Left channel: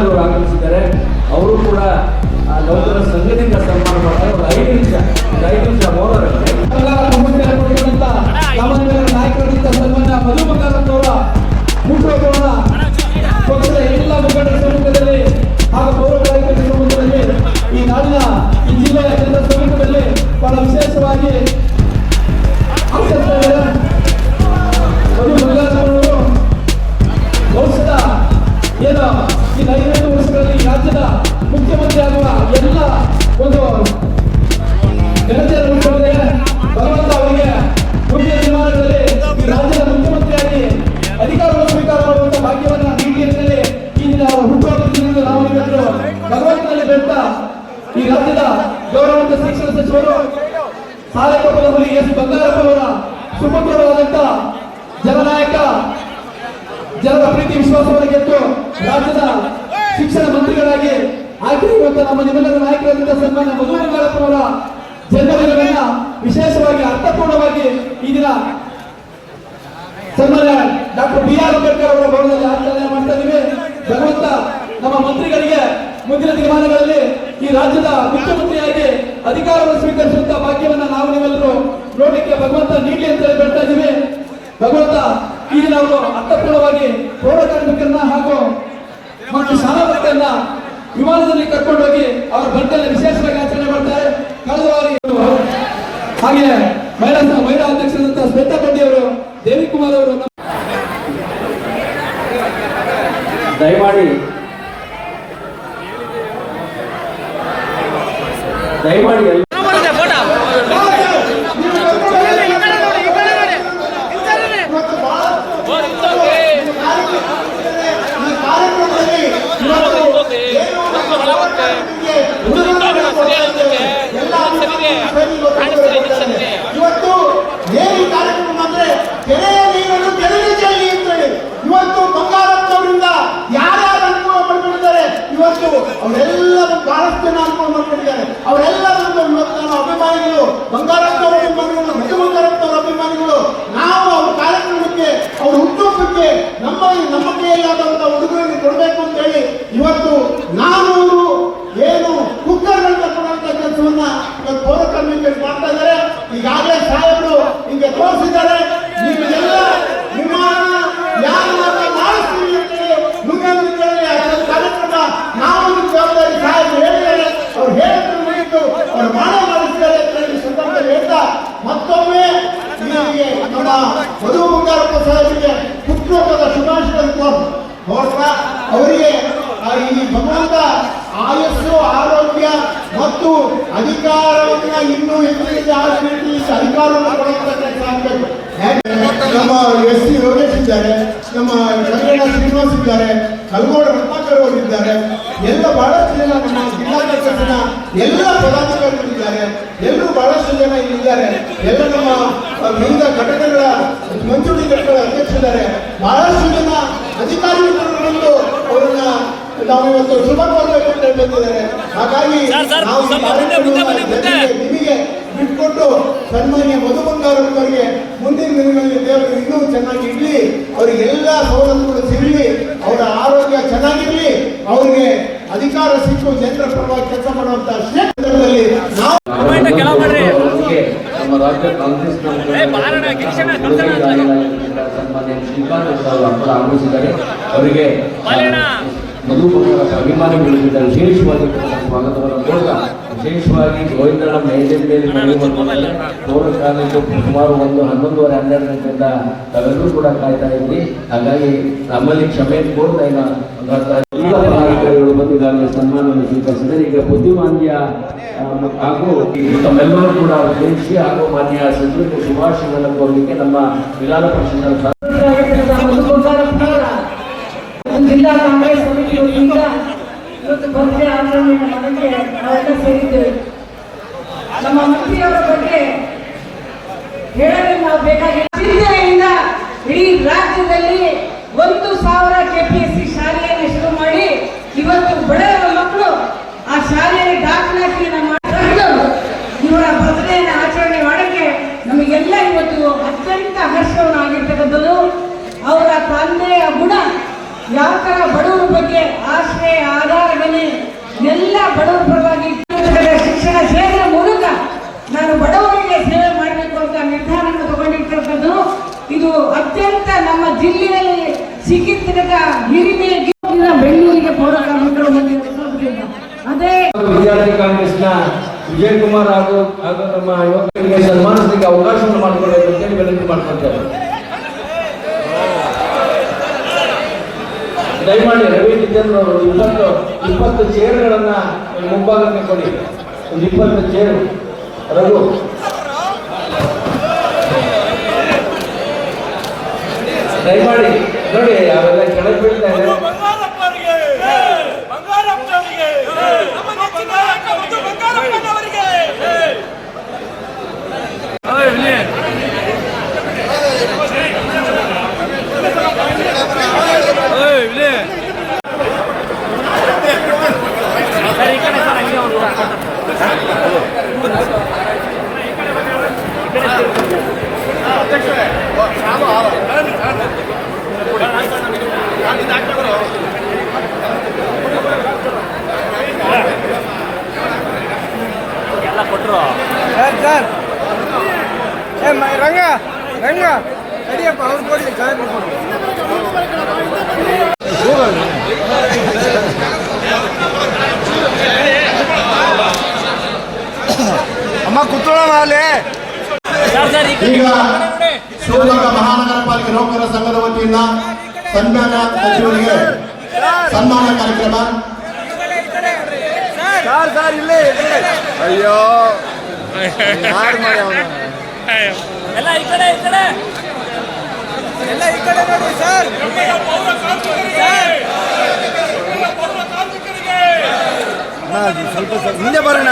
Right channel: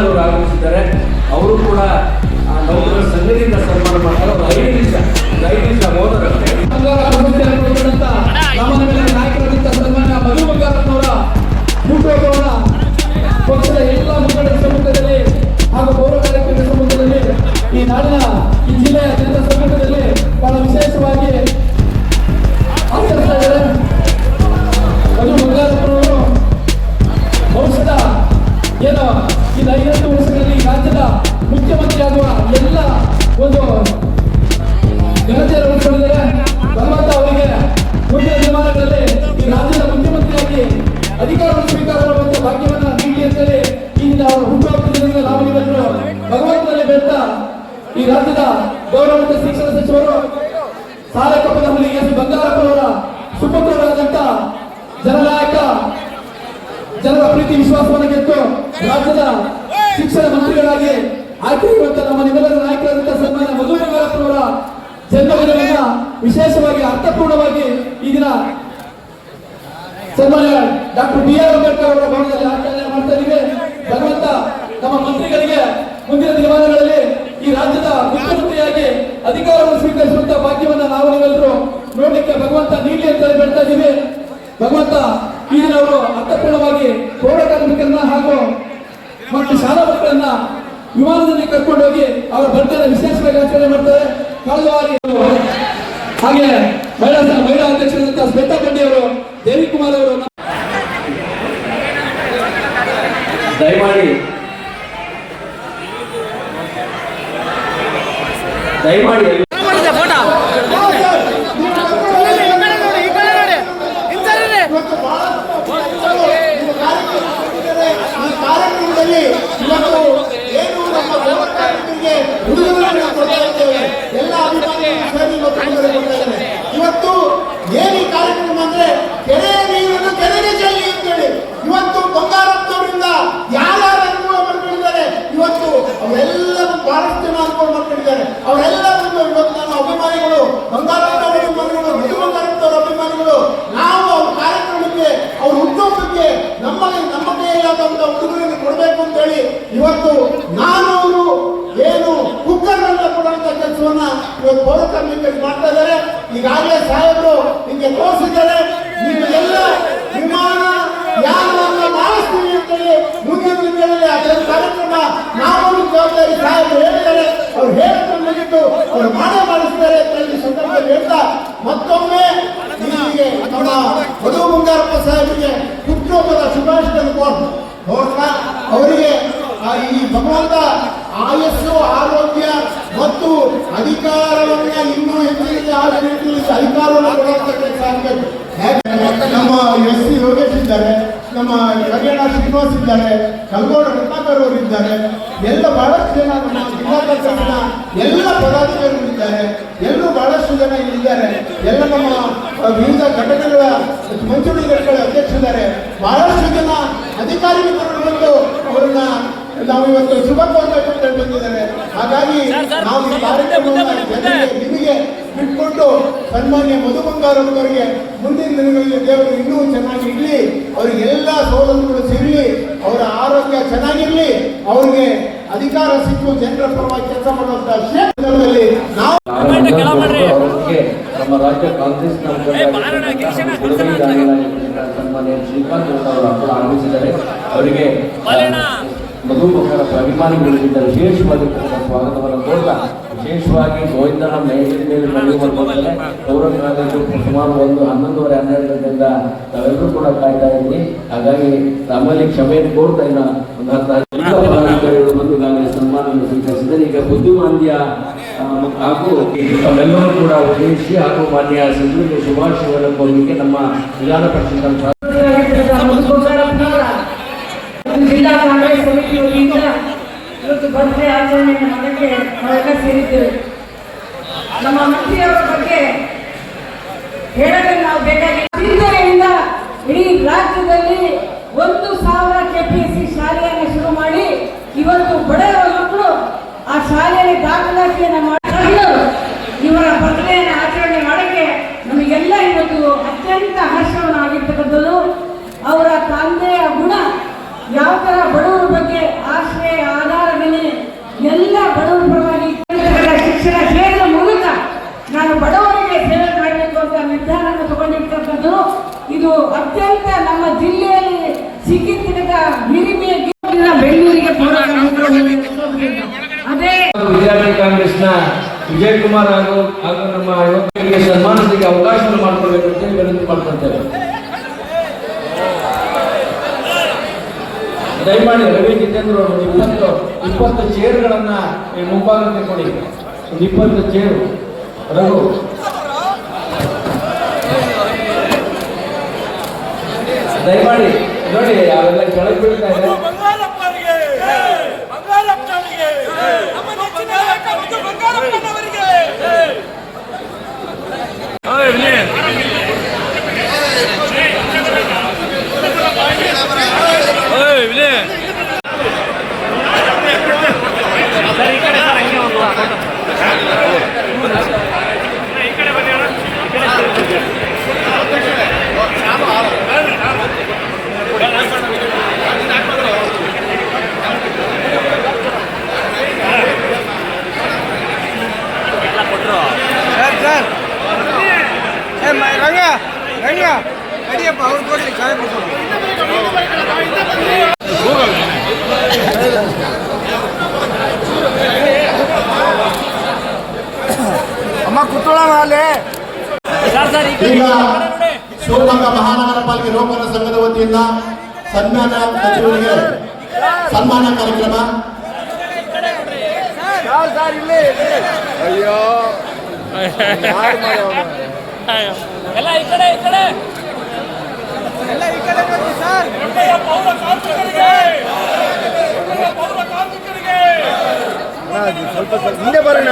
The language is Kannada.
ಅವರು ಆಗಮಿಸಿದ್ದಾರೆ. ಅವರು ಕೂಡ ನೌಕರರ ಸಂಘದಿಂದ ಸನ್ಮಾನ ಮಾಡ್ತಾರೆ. 5 ನಿಮಿಷ ಹೋದರಷ್ಟೇ. ಎಲ್ಲ ಮುಖಂಡರ ಸಮ್ಮುಖದಲ್ಲಿ ಹಾಗೂ ಪೌರ ಕಾರ್ಯಕ್ರಮದ ಸಮ್ಮುಖದಲ್ಲಿ ಈ ನಾಡಿನ ಈ ಜಿಲ್ಲೆಯ ಜನರ ಸಮ್ಮುಖದಲ್ಲಿ ಬಹಳ ವಿಶೇಷವಾಗಿ ಬಹುಶಃ ಏನು ಈ 5 ವರ್ಷಗಳಲ್ಲಿ ರಾಜ್ಯದ ಮುಖ್ಯಮಂತ್ರಿ ಆಗುವ ಎಲ್ಲ ಒಂದು ಘನತೆಯನ್ನು ಭಗವಂತ ಅವರಿಗೆ ಮುಂದಿನ ದಿನಮಾನಗಳಲ್ಲಿ ಈ ರಾಜ್ಯದ ಮುಖ್ಯಮಂತ್ರಿಯಾಗಿ ಅಧಿಕಾರವನ್ನು ಸ್ವೀಕಾರ ಮಾಡುವಂತ ಭಾಗ್ಯವನ್ನು ನೀಡಿ ಅಂತೇಳಿ ಈ ಹುಟ್ಟುಹಬ್ಬದಿಂದ ನಾವು ಇವತ್ತು ಭಗವಂತನಲ್ಲಿ ಬೆಟ್ಟ ಈ ರಾಜ್ಯದ ಗೌರವಾನ್ವಿತ ಶಿಕ್ಷಣ ಸಚಿವರು ಸಾಧಕಪುರದಲ್ಲಿ ಎಸ್ ಬಂಗಾರಪ್ಪ ಅವರ ಸುಪುತ್ರರಾದಂತ ಜನನಾಯಕ, ಜನರ ಪ್ರೀತಿ ವಿಶ್ವಾಸವನ್ನು ಗೆದ್ದು ರಾಜ್ಯದ ಶಿಕ್ಷಣ ಮಂತ್ರಿಗಳಾಗಿ ಆಯ್ಕೆಯಾಗಿರುವಂತ ನಮ್ಮ ನಿಮ್ಮೆಲ್ಲರ ನಾಯಕರಾದಂತಹ ಸನ್ಮಾನ್ಯ ಮಧು ಬಂಗಾರಪ್ಪ ಅವರ ಜನ್ಮದಿನವನ್ನ ವಿಶೇಷವಾಗಿ ಅರ್ಥಪೂರ್ಣವಾಗಿ ಈ ದಿನ ಸನ್ಮಾನ್ಯ ಡಾಕ್ಟರ್ ಬಿ.ಆರ್. ಅಂಬೇಡ್ಕರ್ ಅವರ ಭವನದಲ್ಲಿ ಆಚರಣೆ ಮಾಡ್ತಾ ಇದ್ದೀವಿ. ಭಗವಂತ ನಮ್ಮ ಮಂತ್ರಿಗಳಿಗೆ ಮುಂದಿನ ದಿನಮಾನಗಳಲ್ಲಿ ಈ ರಾಜ್ಯದ ಮುಖ್ಯಮಂತ್ರಿಯಾಗಿ ಅಧಿಕಾರವನ್ನು ಸ್ವೀಕರಿಸುವಂತಹ ಭಾಗ್ಯವನ್ನ ನಾವು ನೀವೆಲ್ಲರೂ ನೋಡಲಿಕ್ಕೆ ಭಗವಂತ ನೀಡಿ ಅಂತ ಹೇಳ್ತಾ ಇದ್ದೀವಿ. ಭಗವಂತ ಈ ದಿನ ಅವರು ಅರ್ಥಪೂರ್ಣವಾಗಿ ಪೌರ ಕಾರ್ಮಿಕರನ್ನ ಹಾಗೂ ಮತ್ತು ಶಾಲಾ ಮಕ್ಕಳನ್ನ ವಿಮಾನದಲ್ಲಿ ಕರ್ಕೊಂಡೋಗಿ ಅವರ ಬರ್ಡೇನ ವಿಶೇಷವಾಗಿ ಆಚರಣೆ ಮಾಡ್ತಾರೆ. ಕಳೆದ ಬಾರಿ ಹಾಗೆ ಮಹಿಳಾ ಅಧ್ಯಕ್ಷರಾದಂತಹ ಶ್ವೇತಾ ಬಂಡಿ ಅವರು, ದೇವಿಕುಮಾರ್ ಅವರು ದಯಮಾಡಿ ಇವತ್ತು ಏನು ಕಾರ್ಯಕ್ರಮ ಅಂದ್ರೆ ಕೆರೆಯ ನೀರನ್ನು ಕೆರೆಗೆ ಚೆಲ್ಲಿ ಅಂತೇಳಿ ಇವತ್ತು ಬಂಗಾರಪ್ಪ ಅವರಿಂದ ಯಾರ್ಯಾರು ಅನುಭವ ಪಡ್ಕೊಂಡಿದ್ದಾರೆ. ಇವತ್ತು ಅವರೆಲ್ಲರೂ ಬಹಳಷ್ಟು ಜನ ಅನುಭವ ಮಾಡ್ಕೊಂಡಿದ್ದಾರೆ. ಅವರೆಲ್ಲರೂ ಇವತ್ತು ನಮ್ಮ ಅಭಿಮಾನಿಗಳು, ಬಂಗಾರಪ್ಪ ಅವರ ಅಭಿಮಾನಿಗಳು, ಮಧು ಬಂಗಾರಪ್ಪ ಅವರ ಅಭಿಮಾನಿಗಳು. ನಾವು ಅವ್ರ ಕಾರ್ಯಕ್ರಮಕ್ಕೆ, ಅವ್ರ ಹುಟ್ಟುಹಬ್ಬಕ್ಕೆ ನಮ್ಮ ಕೈಯಾದಂತ ಉಡುಗೊರೆ ಕೊಡಬೇಕು ಅಂತ ಹೇಳಿ ಇವತ್ತು ನಾನು ಅವರು ಏನು ಕುಕ್ಕರ್ಗಳಿಂದ ಕೊಡುವಂತ ಕೆಲಸವನ್ನ ಇವತ್ತು ಪೌರ ಕಾರ್ಮಿಕರು ಮಾಡ್ತಾ ಇದ್ದಾರೆ. ಈಗಾಗಲೇ ಸಾಹೇಬರು ಹಿಂಗೆ ತೋರಿಸಿದ್ದಾರೆ. ನೀವೆಲ್ಲ ವಿಮಾನ ಯಾರನ್ನ ಮಾಡಿಸ್ತೀವಿ ಅಂತೇಳಿ ಮುಂದಿನ ದಿನಗಳಲ್ಲಿ ಅದರ ಕಾರ್ಯಕ್ರಮ ನಾವು ಜವಾಬ್ದಾರಿ ಸಾಹೇಬರು ಹೇಳಿದ್ದಾರೆ. ಅವ್ರು ಹೇಳಿದ್ರು ಮುಗಿತು, ಅವ್ರು ಮಾಡಿಸ್ತಾರೆ ಅಂತ ಹೇಳಿ ಸಂದರ್ಭದಲ್ಲಿ ಹೇಳ್ತಾ ಮತ್ತೊಮ್ಮೆ ಇಲ್ಲಿಗೆ ನಮ್ಮ ಮಧು ಬಂಗಾರಪ್ಪ ಸಾಹೇಬರಿಗೆ ಹುಟ್ಟುಹಬ್ಬದ ಶುಭಾಶಯಗಳನ್ನು ಕೋರ್ತಾ ಅವರಿಗೆ ಈ ಭಗವಂತ ಆಯಸ್ಸು, ಆರೋಗ್ಯ ಮತ್ತು ಅಧಿಕಾರವನ್ನ ಇನ್ನೂ ಹೆಚ್ಚಿನ ಅಧಿಕಾರವನ್ನು ಕೊಡುವಂತ ಕೆಲಸ ಆಗಬೇಕು. ನಮ್ಮ ಎಸ್ ಸಿ ಯೋಗೇಶ್ ಇದ್ದಾರೆ, ನಮ್ಮ ಜಗಣ್ಣ ಶ್ರೀನಿವಾಸ್ ಇದ್ದಾರೆ, ಕಲ್ಗೋಡ ರತ್ನಾಕರ್ ಅವರು ಇದ್ದಾರೆ, ಎಲ್ಲ ಬಹಳಷ್ಟು ಜನ ನಮ್ಮ ಜಿಲ್ಲಾಧ್ಯಕ್ಷರ ಎಲ್ಲ ಪದಾಧಿಕಾರಿಗಳಿದ್ದಾರೆ. ಎಲ್ಲರೂ ಬಹಳಷ್ಟು ಜನ ಇಲ್ಲಿದ್ದಾರೆ. ಎಲ್ಲ ನಮ್ಮ ವಿವಿಧ ಘಟಕಗಳ ಮಂಜೂರಿ ಘಟಕಗಳ ಅಧ್ಯಕ್ಷರಿದ್ದಾರೆ. ಬಹಳಷ್ಟು ಜನ ಅಧಿಕಾರಿಗಳು ಬಂದು ಅವರನ್ನ ನಾವು ಇವತ್ತು ಶುಭ ಕೋರಬೇಕು ಅಂತ ಬಂದಿದ್ದಾರೆ. ಹಾಗಾಗಿ ನಾವು ನಿಮಗೆ ಬಿಟ್ಕೊಟ್ಟು ಸನ್ಮಾನ್ಯ ಮಧು ಬಂಗಾರವರಿಗೆ ಮುಂದಿನ ದಿನಗಳಲ್ಲಿ ದೇವರು ಇನ್ನೂ ಚೆನ್ನಾಗಿ ಇರಲಿ, ಅವರಿಗೆ ಎಲ್ಲ ಸೌಲಭ್ಯಗಳು ಸಿಗಲಿ, ಅವರ ಆರೋಗ್ಯ ಚೆನ್ನಾಗಿರ್ಲಿ, ಅವರಿಗೆ ಅಧಿಕಾರ ಸಿಕ್ಕು ಜನರ ಪರವಾಗಿ ಕೆಲಸ ಮಾಡುವಂತಹ ಕ್ಷೇತ್ರದಲ್ಲಿ ನಾವು ಅವರಿಗೆ ಮಧು ಬಂಗಾರಪ್ಪ ಅಭಿಮಾನಿಗಳು ವಿಶೇಷವಾಗಿ ಸ್ವಾಗತವನ್ನು ಕೊಡುತ್ತಾ ವಿಶೇಷವಾಗಿ ಗೋವಿಂದನ ಪೌರ ಕಾಲೇಜು ಸುಮಾರು 11:30 ಗಂಟೆಯಿಂದ ತಾವೆಲ್ಲರೂ ಕೂಡ ಕಾಯ್ತಾ ಇದ್ವಿ. ಹಾಗಾಗಿ ನಮ್ಮಲ್ಲಿ ಕ್ಷಮೆ ಕೋರ್ತಾ ಈಗಾಗಲೇ ಸನ್ಮಾನವನ್ನು ಸ್ವೀಕರಿಸಿದರೆ ಈಗ ಬುದ್ಧಿಮಾಂದ್ಯ ಹಾಗೂ ತಾವೆಲ್ಲರೂ ಕೂಡ ಉದ್ದೇಶಿ ಹಾಗೂ ಮಾನ್ಯ ಸಚಿವರಿಗೆ ಶುಭಾಶಯಗಳನ್ನು ಕೋರಲಿಕ್ಕೆ ನಮ್ಮ ವಿಧಾನ ಪರಿಷತ್ ಜಿಲ್ಲಾ ಕಾಂಗ್ರೆಸ್ ಸಮಿತಿಯಿಂದ ಇವತ್ತು ಬರ್ತ್ಡೇ ಆಚರಣೆ ಮಾಡೋಕ್ಕೆ ನಾವೆಲ್ಲ ಸೇರಿದ್ದೇವೆ. ನಮ್ಮ ಮಂತ್ರಿಯವರ ಬಗ್ಗೆ ಹೇಳಲು ನಾವು ಬೇಕಾಗಿ ಚಿಂತನೆಯಿಂದ ಇಡೀ ರಾಜ್ಯದಲ್ಲಿ 1,000 KPSC ಶಾಲೆಯನ್ನು ಶುರು ಮಾಡಿ ಇವತ್ತು ಬಡವರ ಮಕ್ಕಳು ಆ ಶಾಲೆಯಲ್ಲಿ ದಾಖಲಾತಿಯನ್ನು ಮಾಡಿಕೊಂಡು ಇವರ ಬರ್ತ್ಡೇನ ಆಚರಣೆ ಮಾಡೋಕ್ಕೆ ನಮಗೆಲ್ಲ ಇವತ್ತು ಅತ್ಯಂತ ಹರ್ಷವಾಗಿರ್ತಕ್ಕಂಥದ್ದು. ಅವರ ತಂದೆಯ ಗುಣ ಯಾವ ತರ ಬಡವರ ಬಗ್ಗೆ ಆಶ್ರಯ ಕುಮಾರ್ ಹಾಗೂ ನಮ್ಮ ಯುವಕರಿಗೆ ಸನ್ಮಾನಕ್ಕೆ ಅವಕಾಶ ಮಾಡಿಕೊಳ್ಳಬೇಕು ಅಂತೇಳಿ ವಿನಂತಿ ಮಾಡ್ಕೊಳ್ತಾರೆ. ದಯಮಾಡಿ ರವಿ ಜಿತೇಂದ್ರ ಅವರು 20 ಚೇರ್ಗಳನ್ನ ಮುಂಭಾಗಕ್ಕೆ ಕೊಡಿ. 20 ಚೇರು ರಘು. ದಯಮಾಡಿ ನೋಡಿ, ಅವೆಲ್ಲ ಕೆಳಗೆ ಬೀಳ್ತಾ ಇದೆ. ರಂಗ ರಂಗ ಅಡಿಯಪ್ಪ ಅವ್ರು ತೋರಿಸಿ ಸಾಹೇಬ್ ಅಮ್ಮ ಕೂತ್ಕೊಳ್ಳೋಣ ಅಲ್ಲಿ. ಈಗ ಶಿವಮೊಗ್ಗ ಮಹಾನಗರ ಪಾಲಿಕೆ ನೌಕರರ ಸಂಘದ ವತಿಯಿಂದ ಸನ್ಮಾನ ಸಚಿವರಿಗೆ ಸನ್ಮಾನ ಕಾರ್ಯಕ್ರಮ. ಅಯ್ಯೋ ಎಲ್ಲ ಈ ಕಡೆ ನೋಡಿ ಸರ್. ಪೌರ ಕಾರ್ಮಿಕರಿಗೆ ಸ್ವಲ್ಪ ಹಿಂದೆ ಬರೋಣ.